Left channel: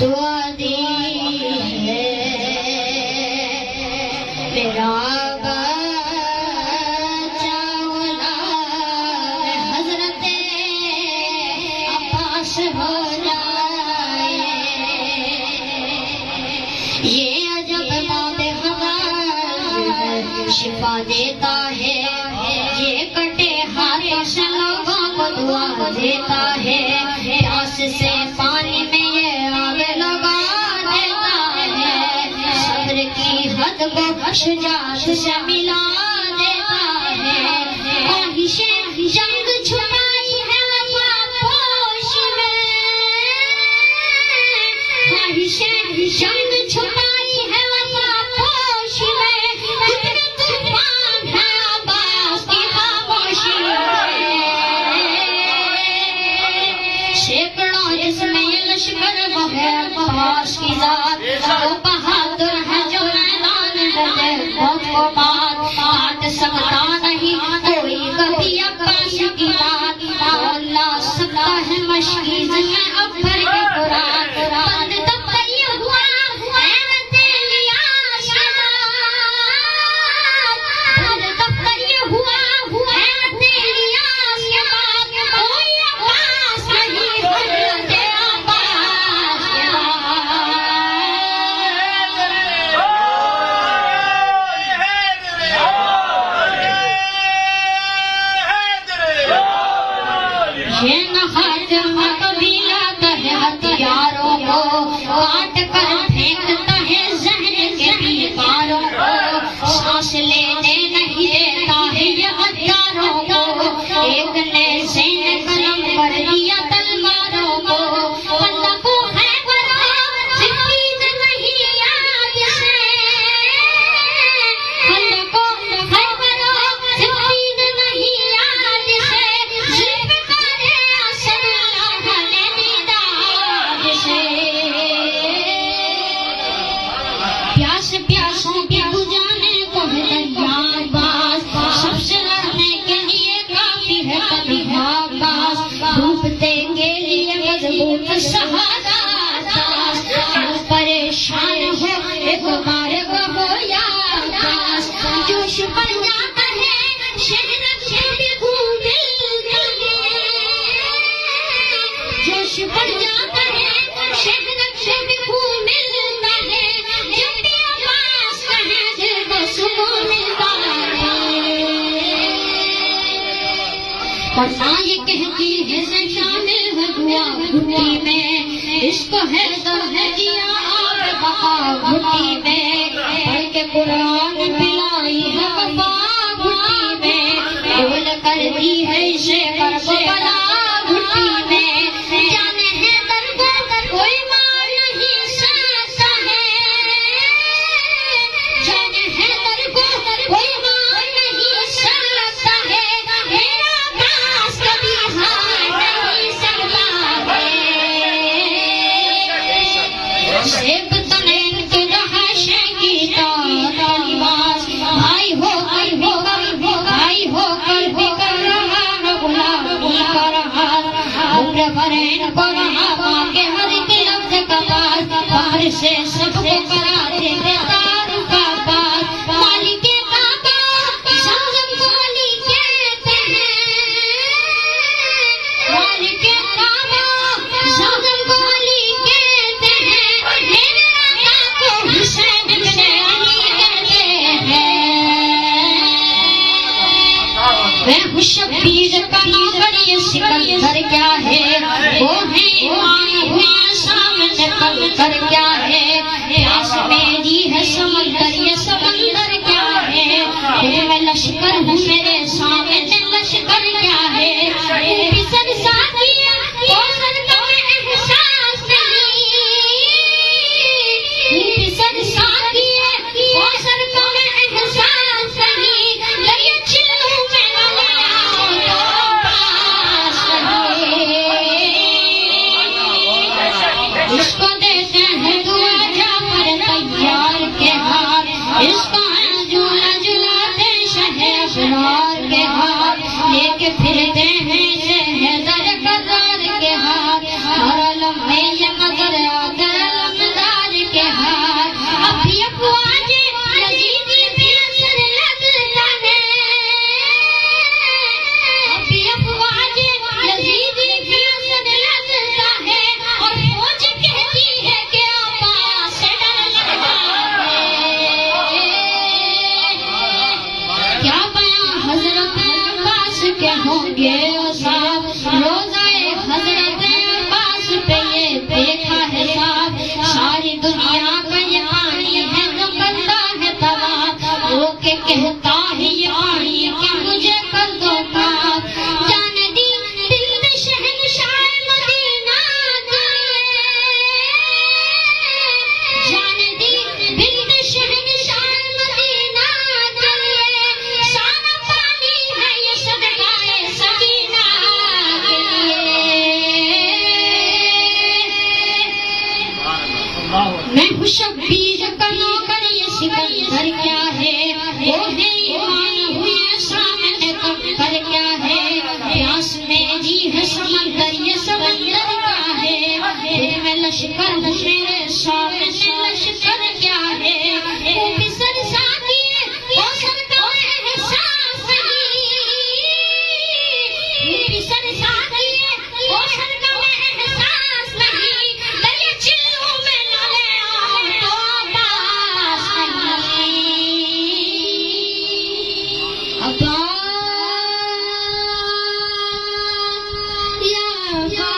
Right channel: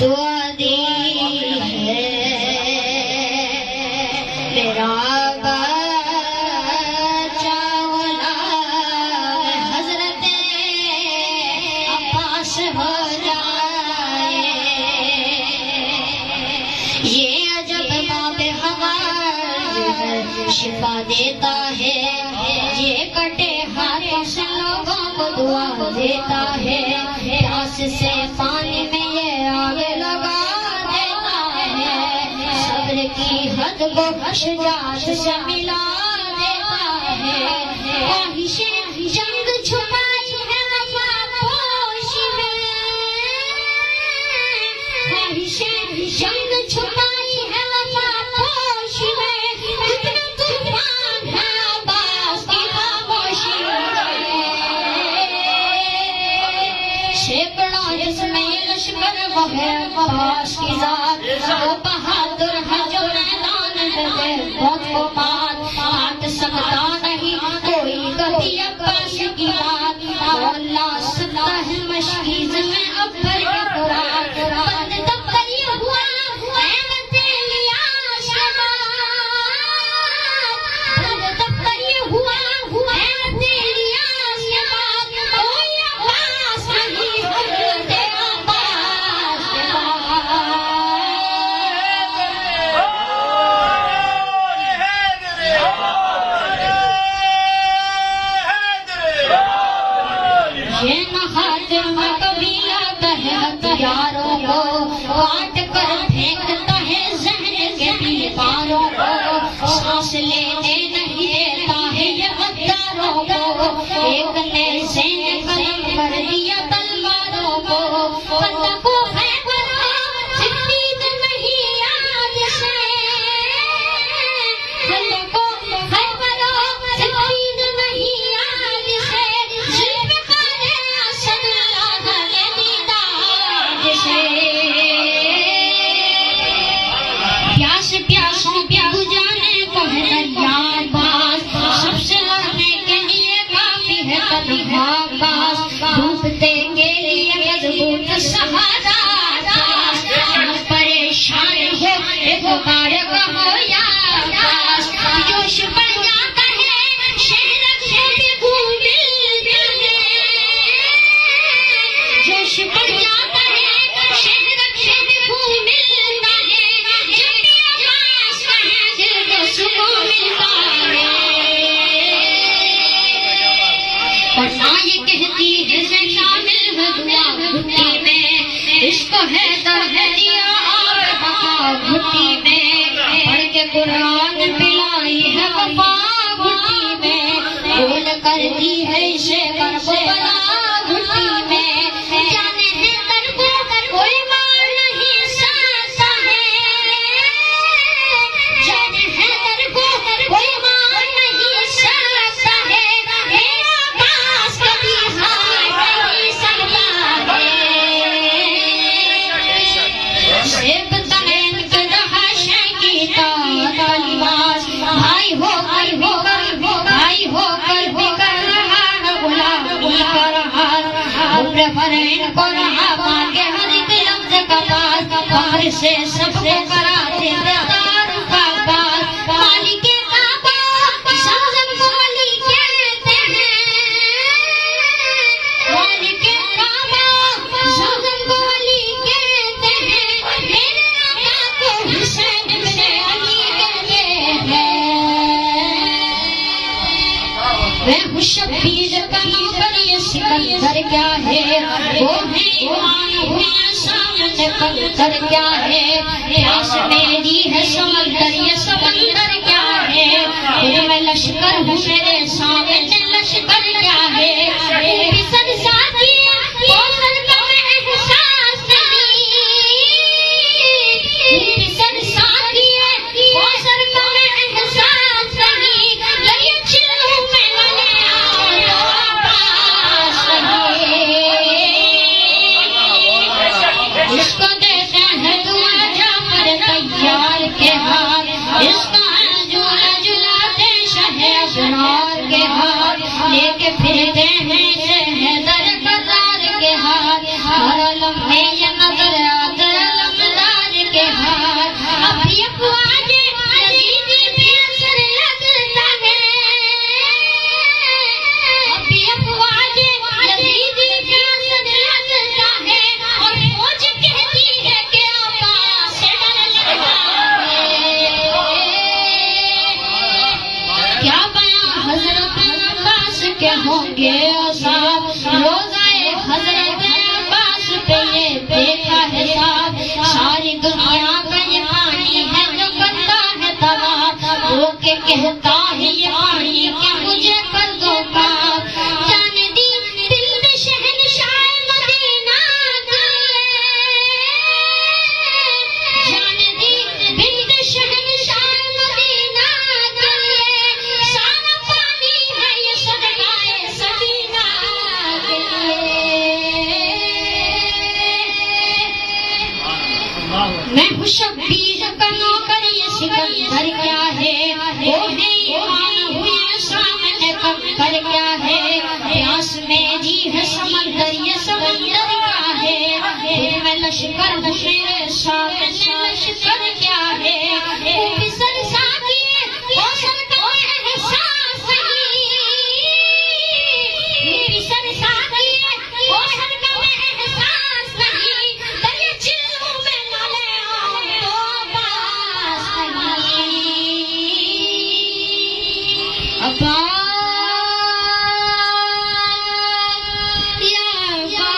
دعا دی ہے میرا بچہ غلام حضرت عباس ہو جائے. یہ عجب باب خبر شفا دیتا ہے، یہ کٹے ہاتھوں سے لوگوں کو دعا دیتا ہے. پیاس سے پانی میں یہ آگ لگا دیتا ہے، صبر کی حد کو شجاعت سے ملا دیتا ہے. خواہشیں جنگ چھپائی ہے وفا پوش میں، خواہشیں جنگ چھپائی ہے وفا پوش میں. کتنا طوفان ہے عباس کی خاموشی میں، سینکڑوں جس میں یہ لشکر وہ ہے عباس کی ذات. وہ بہادر ہے جو میدان ہے موت کو بات کاٹ سکتا نہیں کوئی کبھی عباس کی بات. اللہ سکتا ہے مشکل میں اب بھر کے قرآن بند تب یہ ہوا احمد الیاس کے بعد، بند تب یہ ہوا احمد الیاس کے بعد. کوئی عباس نہیں حضرت عباس کے یہ نہ خاطر میں کبھی لاتا ہے ہتھیاروں کو، کاٹ کر پھینکتا ہے ذہن کے دیواروں کو. سانس لینے نہیں دیتا ہے یہ غداروں کو، ایک نے زین قلم پر دیا تلواروں کو. بندہ کو ہے بڑا فقید نہیں یاد سے، بندہ کو ہے بڑا فقید نہیں یاد سے. پیاس پیاسوں کے بجھانے کو ہے دریا باز، سب سے لڑنے کے لیے کافی ہے تنہا باز. ڈوبتے کے لیے مضبوط سہارا باز، پریشان ہو ایک بار ہو یا باز. جوش بڑھ جاتا ہے شہر کو دل دل، جوش بڑھ جاتا ہے شہر کو ملتا ہے. جب بھی عباس کہے دل کو سکون ملتا ہے. ورنہ یہ کہتی ہے سے شامل ہے دعا گھٹی میں، عشق ہے درد دیا اور بقا گھٹی میں. پڑھ کے قرآن پلائی ہے وفا گھٹی میں، بول کر دی ہے اسے کرب بلا گھٹی میں. جانے ہے درد کوئی مار نہیں سکتا ہے، جانے ہے درد کوئی مار نہیں سکتا ہے. میرا عباس کبھی ہار نہیں سکتا ہے. سیب تنین کے رہا شیکی تا لباس، بھائی ہو کر بھائی ہو کر بھی کر رہا ہے غلامی کا رہا. عمر فرین کو رہا باقی ہر ایک لفظ کا پاس، فخر سے سب کو کراتے تعارف کا پاس. مالک کعبہ زمزم کو علی کہتے ہیں، مالک کعبہ زمزم کو علی کہتے ہیں. میرے آقا کو حسین بن علی کہتے ہیں. میں ہوں شبیر کا نوکر یہ سکندر کیا ہے، وہ ہے ایمان ہوئی سامنے پتھر کیا ہے. پیاس میری ہے سمندر یہ سمندر کیا ہے، پھر میں لشکر ہوں میرے سامنے لشکر کیا ہے. سن ساتھی کوثر کا میں احساس نہیں، سن ساتھی کوثر کا میں احساس نہیں. دریا چلوں میں والے آؤ تو عباس نہیں. اس کو دیتے ہیں دعا جعفر تیار کے ہاتھ، اس کو جلا جلاتے شہ اسرار کے ہاتھ. لے کے پھرتے ہیں شہدر قطار کے ہاتھ، ہر لمحے یہ نظر آتا حضرت عباس پہ یہ دیکھا ہے صاف ساری دنیا کا یہ پانی ہے جو کرتا ہے طواف رو کے کہتا ہے یہ پانی کہ مجھے کر دو پاک جانے دی دل میں شہنشاہ مدینہ جانے دی دل میں شہنشاہ مدینہ سارا پانی ہے یہ صدقہ سکینہ میں ہوں شبیر کا نوکر یہ سکندر کیا ہے وہ ہے ایمان ہوئے سامنے کمتر کیا ہے پیاس میری ہے سمندر یہ سمندر کیا ہے میں لشکر ہوں میرے سامنے لشکر کیا ہے وہ بھی سنسانی وہ سر کا احساس میری سنسانی وہ سر کا احساس نہیں دریا چلوں میں نہ لے آؤں تو باس نہیں یا